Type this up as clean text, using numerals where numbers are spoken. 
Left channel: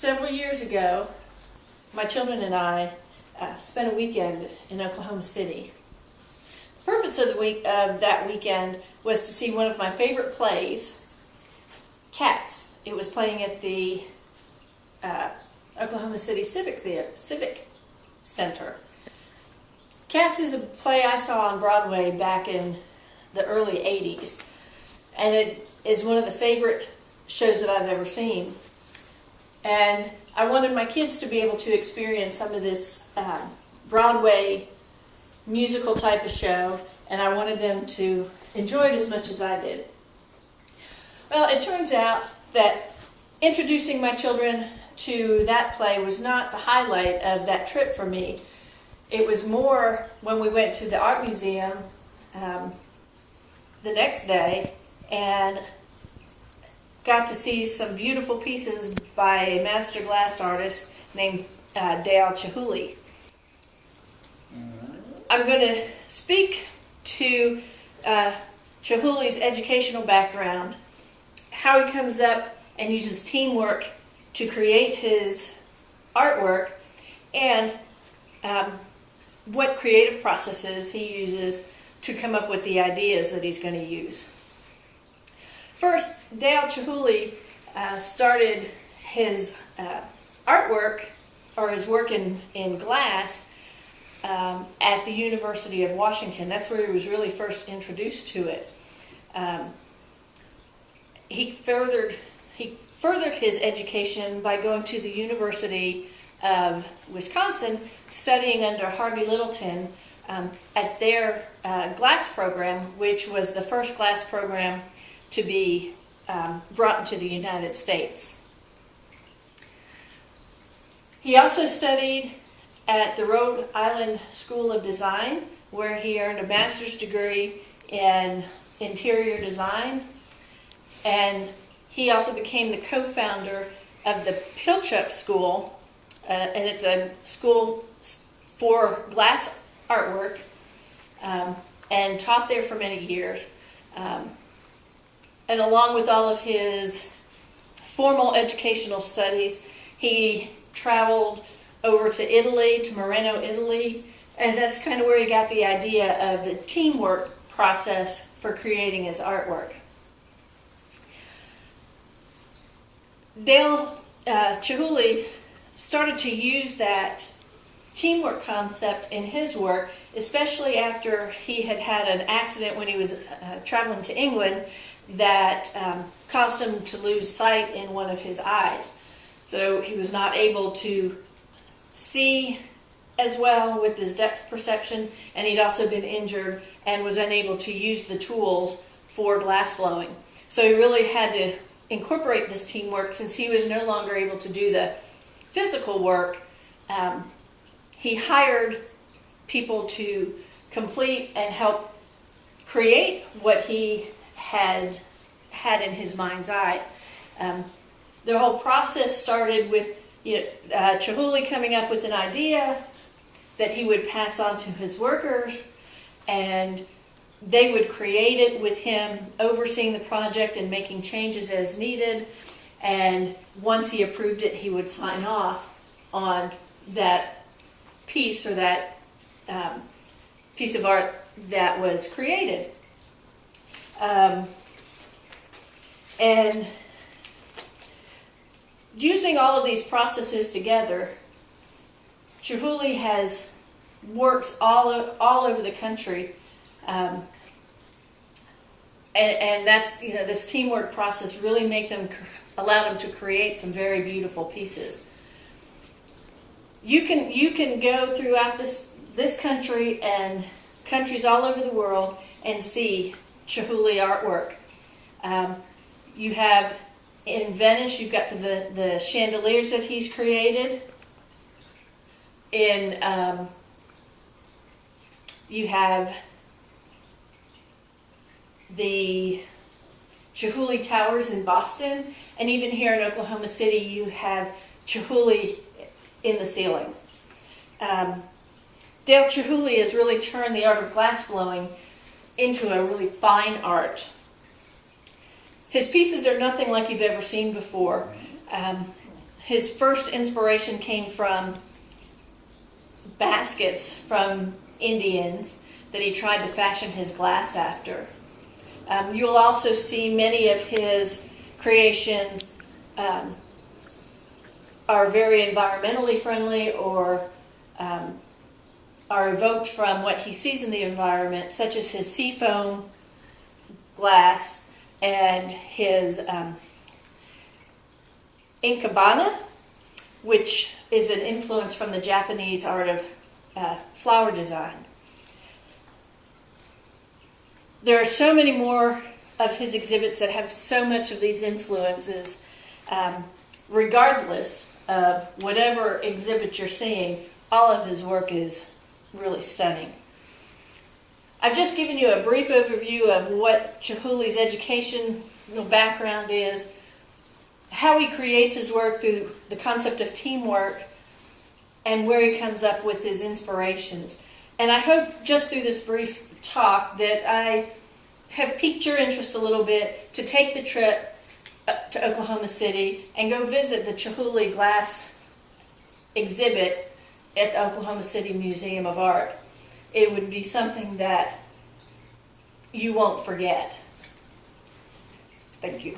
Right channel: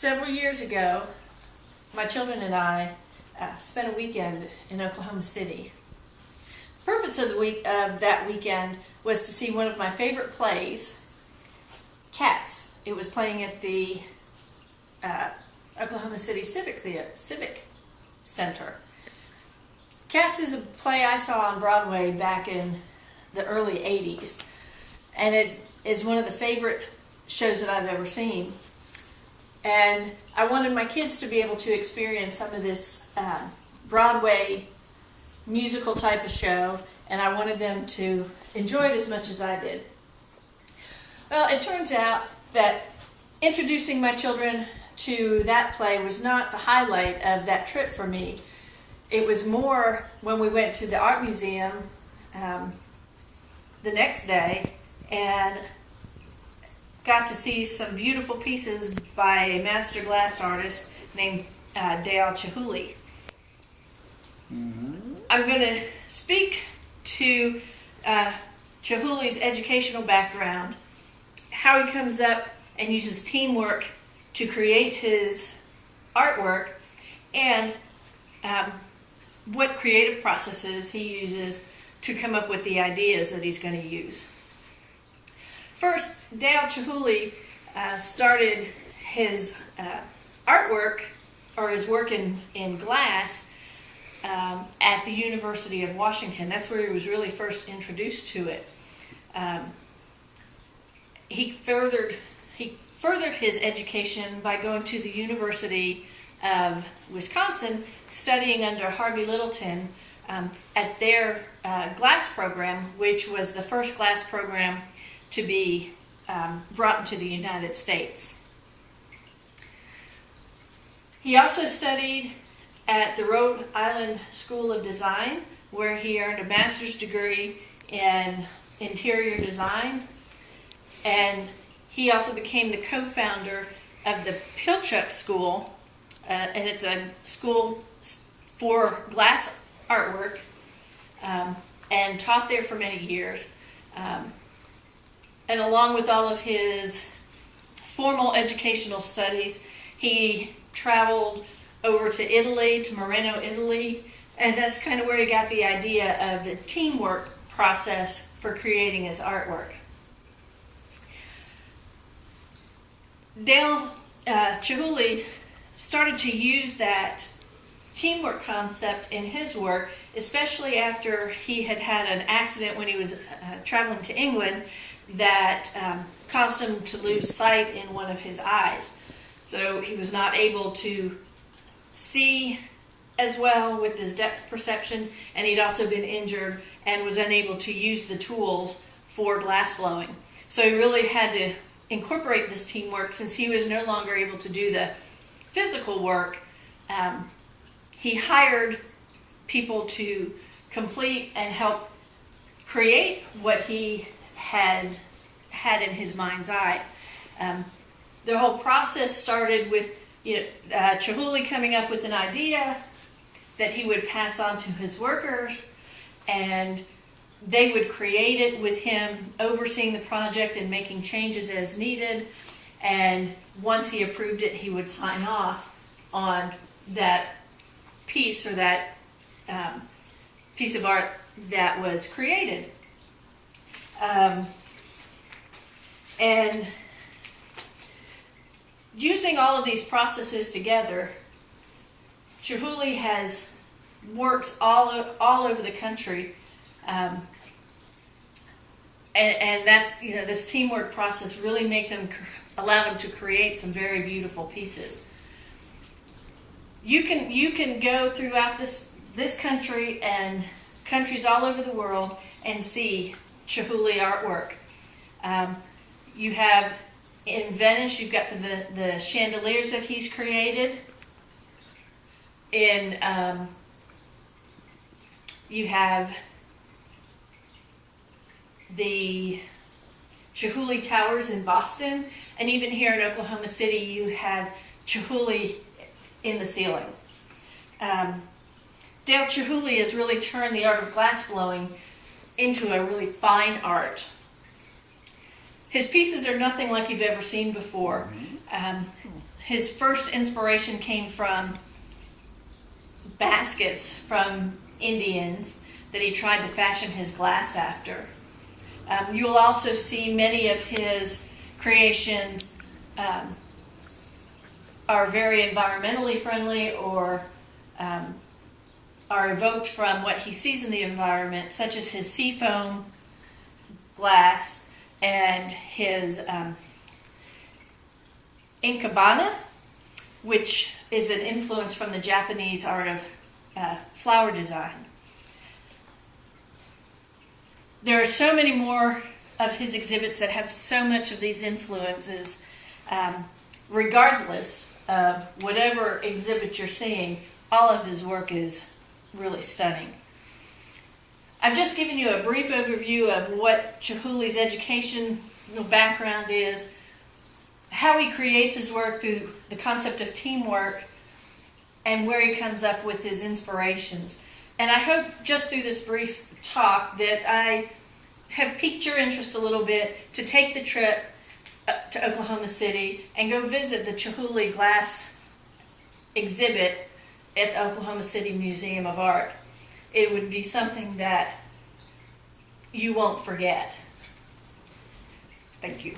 Several years ago, my children and I spent a weekend in Oklahoma City. The purpose of that weekend was to see one of my favorite plays, Cats. It was playing at the Oklahoma City Civic Center. Cats is a play I saw on Broadway back in the early 80s, and it is one of the favorite shows that I've ever seen. And I wanted my kids to be able to experience some of this Broadway musical type of show, and I wanted them to enjoy it as much as I did. Well, it turns out that introducing my children to that play was not the highlight of that trip for me. It was more when we went to the art museum the next day and got to see some beautiful pieces by a master glass artist named Dale Chihuly. I'm going to speak to Chihuly's educational background, how he comes up and uses teamwork to create his artwork, and what creative processes he uses to come up with the ideas that he's going to use. First, Dale Chihuly started his artwork, or his work in glass, at the University of Washington. That's where he was really first introduced to it. He furthered his education by going to the University of Wisconsin, studying under Harvey Littleton at their glass program, which was the first glass program to be brought into the United States. He also studied at the Rhode Island School of Design, where he earned a master's degree in interior design, and he also became the co-founder of the Pilchuck School, and it's a school for glass artwork, and taught there for many years. And along with all of his formal educational studies, he traveled over to Italy, to Moreno, Italy, and that's kind of where he got the idea of the teamwork process for creating his artwork. Dale Chihuly started to use that teamwork concept in his work, especially after he had had an accident when he was traveling to England that caused him to lose sight in one of his eyes. So he was not able to see as well with his depth perception, and he'd also been injured and was unable to use the tools for glass blowing. So he really had to incorporate this teamwork since he was no longer able to do the physical work. He hired people to complete and help create what he had in his mind's eye. The whole process started with Chihuly coming up with an idea that he would pass on to his workers, and they would create it with him overseeing the project and making changes as needed. And once he approved it, he would sign off on that piece, or that piece of art that was created. And using all of these processes together, Chihuly has worked all over the country, and that's, this teamwork process really allowed him to create some very beautiful pieces. You can go throughout this country and countries all over the world and see Chihuly artwork. You have in Venice, you've got the chandeliers that he's created. You have the Chihuly Towers in Boston, and even here in Oklahoma City, you have Chihuly in the ceiling. Dale Chihuly has really turned the art of glass blowing into a really fine art. His pieces are nothing like you've ever seen before. his first inspiration came from baskets from Indians that he tried to fashion his glass after. You will also see many of his creations are very environmentally friendly or are evoked from what he sees in the environment, such as his seafoam glass and his Ikebana, which is an influence from the Japanese art of flower design. There are so many more of his exhibits that have so much of these influences. Regardless of whatever exhibit you're seeing, all of his work is really stunning. I've just given you a brief overview of what Chihuly's educational background is, how he creates his work through the concept of teamwork, and where he comes up with his inspirations. And I hope just through this brief talk that I have piqued your interest a little bit to take the trip to Oklahoma City and go visit the Chihuly glass exhibit at the Oklahoma City Museum of Art. It would be something that you won't forget. Thank you.